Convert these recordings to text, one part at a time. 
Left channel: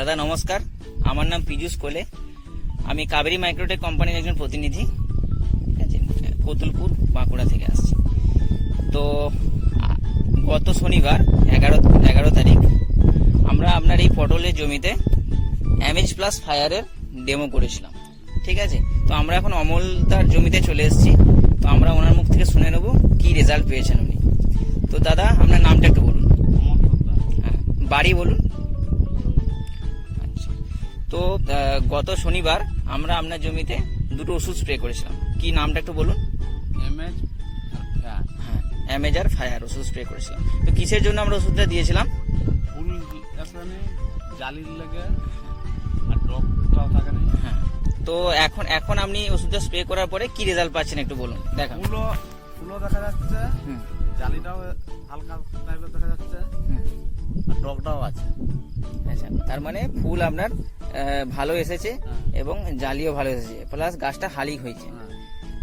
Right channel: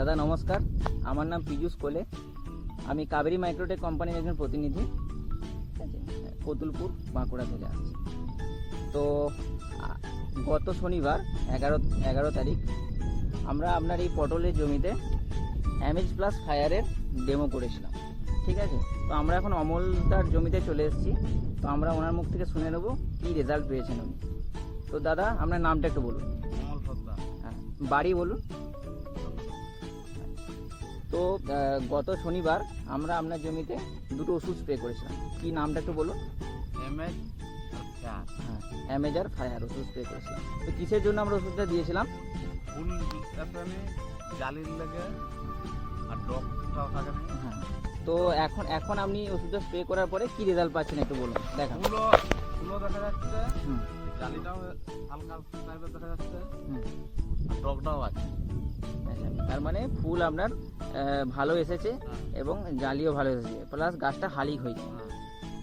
দাদা নমস্কার, আমার নাম পীযূষ কোলে। আমি কাবেরী মাইক্রোটেক কোম্পানির একজন প্রতিনিধি, ঠিক আছে, কতুলপুর বাঁকুড়া থেকে আসছি। তো গত শনিবার 11 তারিখ আমরা আপনার এই পটলের জমিতে এমএইচ প্লাস ফায়ারের ডেমো করেছিলাম, ঠিক আছে। তো আমরা এখন অমলদার জমিতে চলে এসেছি। তো আমরা ওনার মুখ থেকে শুনে নেব কি রেজাল্ট পেয়েছেন উনি। তো দাদা আপনার নামটা একটু বলুন। হ্যাঁ, বাড়ি বলুন। তো গত শনিবার আমরা আপনার জমিতে দুটো ওষুধ স্প্রে করেছিলাম, কি নামটা একটু বলুন। হ্যাঁ, এমএইচ আর ফায়ার ওষুধ স্প্রে করেছিলাম। তো কিসের জন্য আমরা ওষুধটা দিয়েছিলাম? ফুল জালির লাগে আর ডগটাও থাকে না। হ্যাঁ, তো এখন আপনি ওষুধটা স্প্রে করার পরে কি রেজাল্ট পাচ্ছেন একটু বলুন। দেখান। ফুলও দেখা যাচ্ছে, জালিটাও হালকা টাইপের দেখা যাচ্ছে, আর ডগটাও আছে। আচ্ছা, তার মানে ফুল আপনার ভালো এসেছে এবং জালিও ভালো এসেছে, প্লাস গাছটা হালি হয়েছে,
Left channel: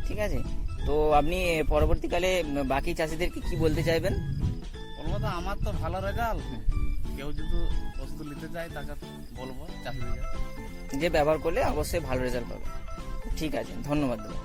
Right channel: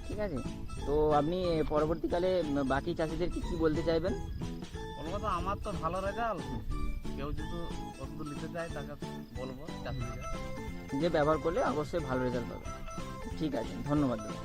ঠিক আছে। তো আপনি পরবর্তীকালে বাকি চাষিদেরকে কি বলতে চাইবেন? বলবো তো আমার তো ভালো রেজাল্ট, কেউ যদি ওষুধ নিতে চায় তাকে বলবো চাষিদের যে ব্যবহার করলে অবশ্যই ভালো রেজাল্ট পাবে। ঠিক আছে, ধন্যবাদ দাদা।